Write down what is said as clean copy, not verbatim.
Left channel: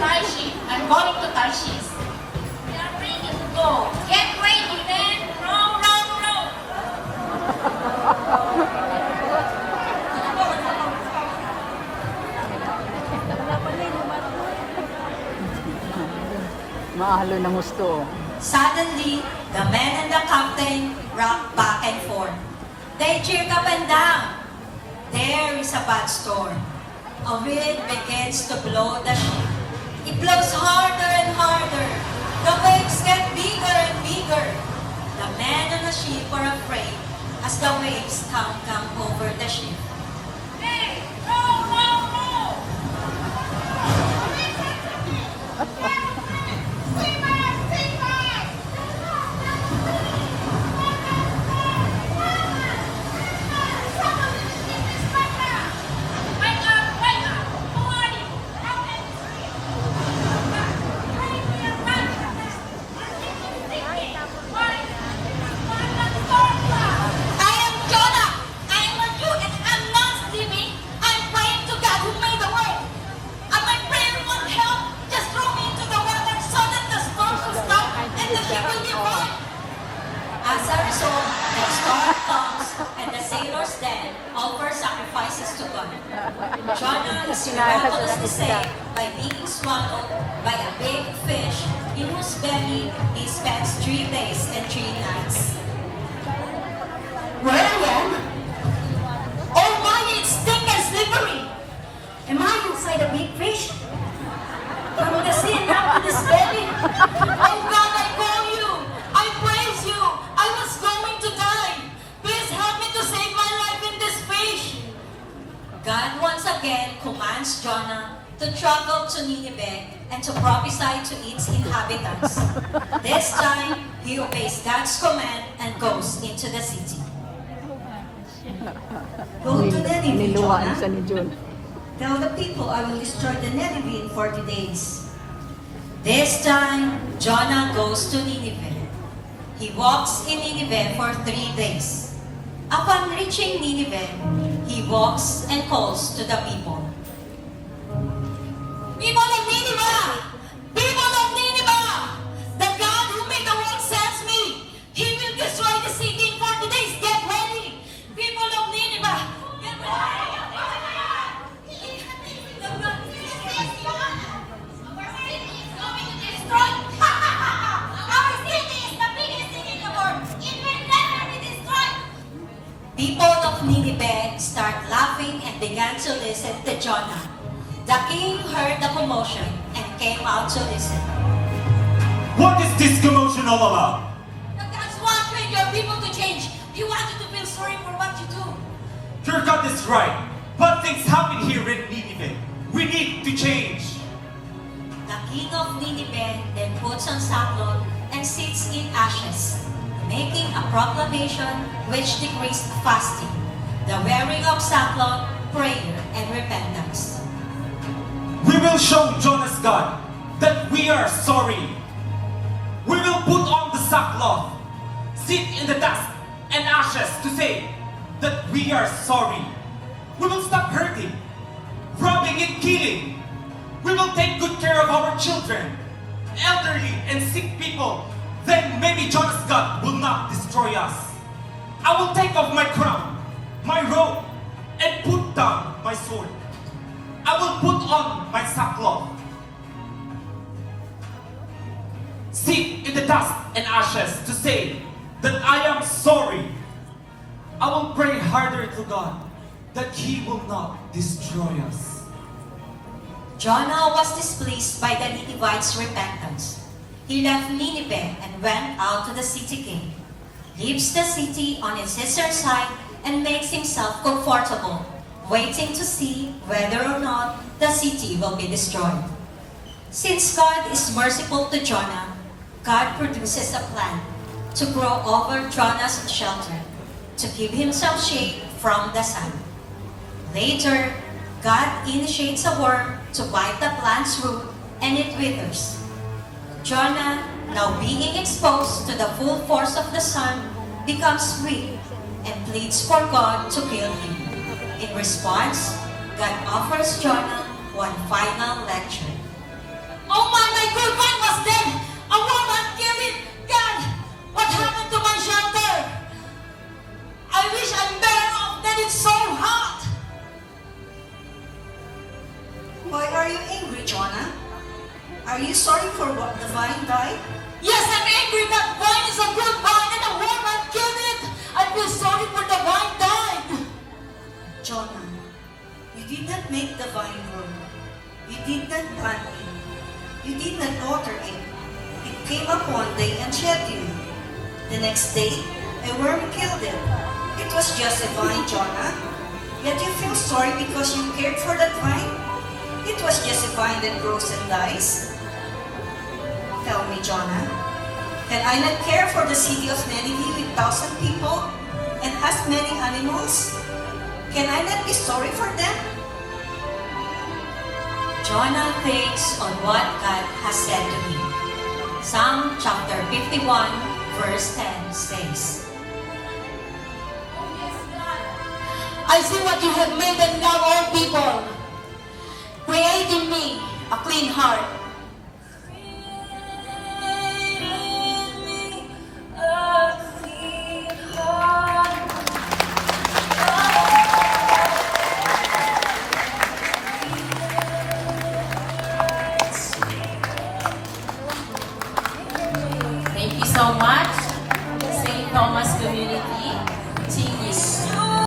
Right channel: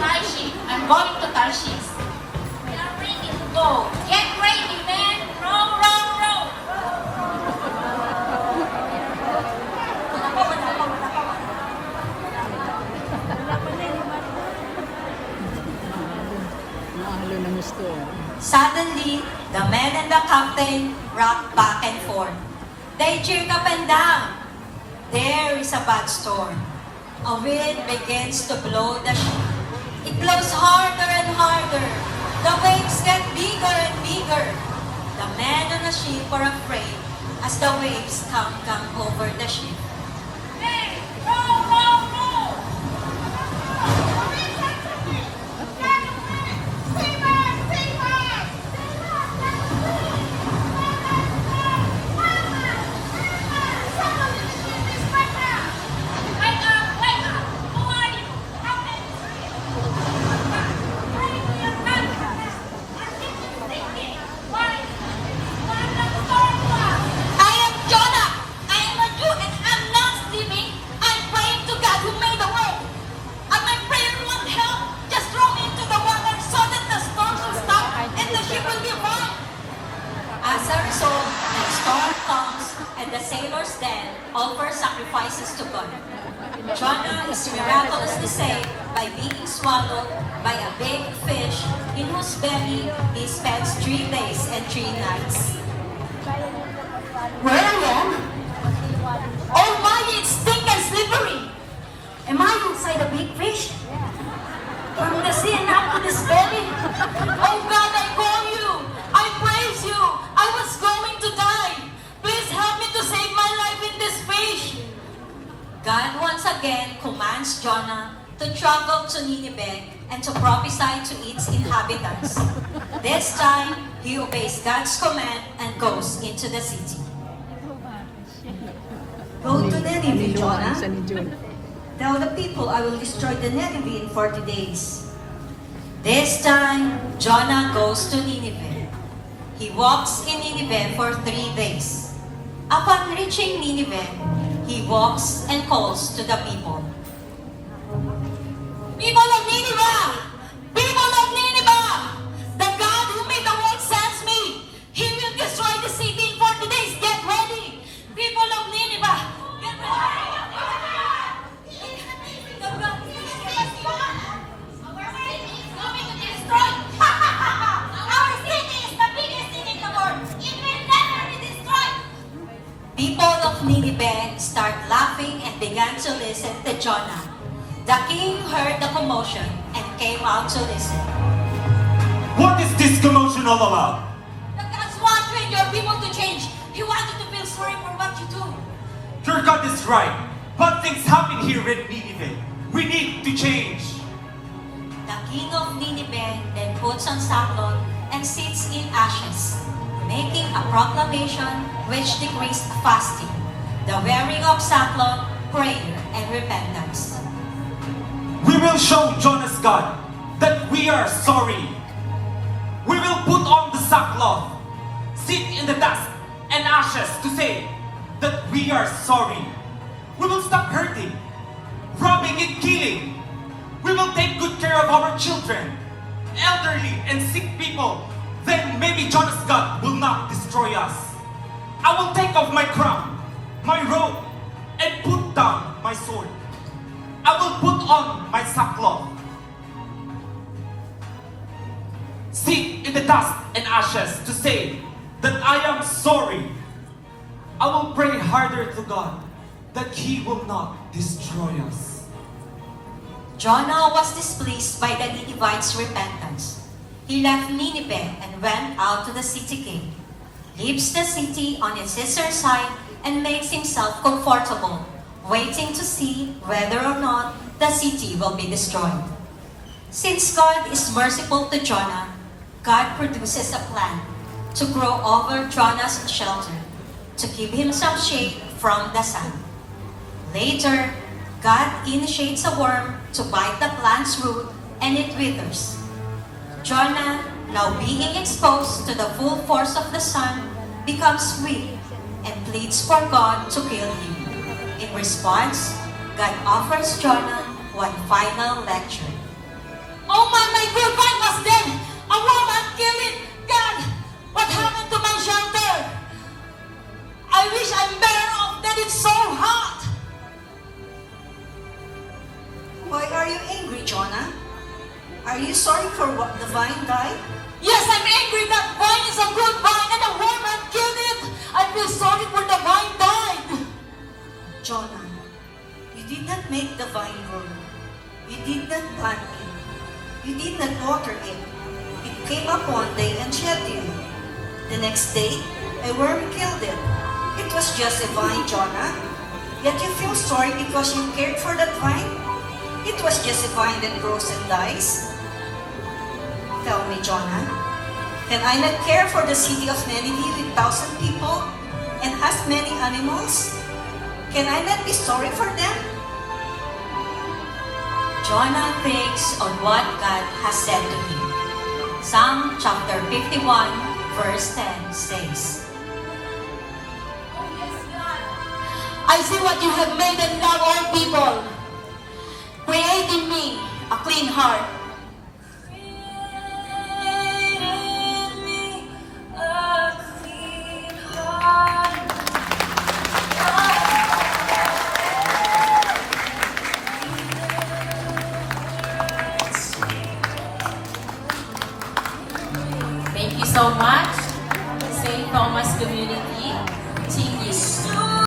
Tarshish. I'm going to Tarshish. We are ready to go. Get ready, man. Row, row, row. Mahalo ng gusto. Suddenly, the men and the captain rocked back and forth. They cheered up and down. There is a bad storm. A wind begins to blow the ship. It blows harder and harder. The waves get bigger and bigger. The men on the ship are afraid as the waves come over the ship. Hey, row, row, row. I am Jonah. I am a Jew and I'm not sleeping. I'm praying to God who made the world. And my prayer won't help. Just throw me into the water so that the storm will stop and the ship will be fine. As a result, the storm comes and the sailors then offer sacrifices to God. Jonah is miraculously saved by being swallowed by a big fish in whose belly he spends 3 days and 3 nights. Where I am? Oh my, it's thick and slippery. Am I inside a big fish? From the sea and up to this belly? Oh God, I call you. I praise you. I was going to die. Please help me to save my life in this fish. God once again commands Jonah to travel to Nineveh and to prophesy to its inhabitants. This time, he obeys God's command and goes into the city. Go to Nineveh, Niluhaan Jonah. siya ni June. Tell the people I will destroy the Nineveh in 40 days. This time, Jonah goes to Nineveh. He walks in Nineveh for 3 days. Upon reaching Nineveh, he walks and calls to the people. People of Nineveh! People of Nineveh! The God who made the world sends me! He will destroy the city in 40 days! Get ready! People of Nineveh! Get ready! People of Nineveh start laughing and began to listen to Jonah. The king heard the commotion and came out to listen. What is this commotion all about? The God's wanting your people to change. He wants you to feel sorry for what you do. Your God is right. But things happen here in Nineveh. We need to change. The king of Nineveh then puts on sackcloth and sits in ashes, making a proclamation which decrees fasting, the wearing of sackcloth, prayer, and repentance. We will show Jonah's God that we are sorry. We will put on the sackcloth, sit in the dust and ashes to say that we are sorry. We will stop hurting, robbing and killing. We will take good care of our children, elderly and sick people. Then maybe Jonah's God will not destroy us. I will take off my crown, my robe, and put down my sword. I will put on my sackcloth. Sit in the dust and ashes to say that I am sorry. I will pray harder to God that He will not destroy us. Jonah was displeased by the Ninevites' repentance. He left Nineveh and went out to the city gate, leaves the city on its eastern side, and makes himself comfortable, waiting to see whether or not the city will be destroyed. Since God is merciful to Jonah, God produces a plant to grow over Jonah's shelter, to keep himself shade from the sun. Later, God initiates a worm to bite the plant's root and it withers. Jonah, now being exposed to the full force of the sun, becomes weak and pleads for God to kill him. In response, God offers Jonah one final lecture. my good vine was dead. A woman killed it. God, what happened to my shelter? I wish I'm better off than it's so hot. Why are you angry, Jonah? Are you sorry for what the vine died? Yes, I'm angry that vine is a good vine and a woman killed it. I feel sorry for the vine died. Jonah, you did not make the vine grow. You did not plant it. You did not water it. It came up one day and shed you. The next day, a worm killed it. It was just a vine, Jonah. Yet you feel sorry because you cared for that vine? It was just a vine that grows and dies. Tell me, Jonah, can I not care for the city of Nineveh with 1,000 people and as many animals? Can I not be sorry for them? Jonah thinks on what God has said to him. Psalm chapter 51, verse 10 says, I see what you have made and love all people. Create in me a clean heart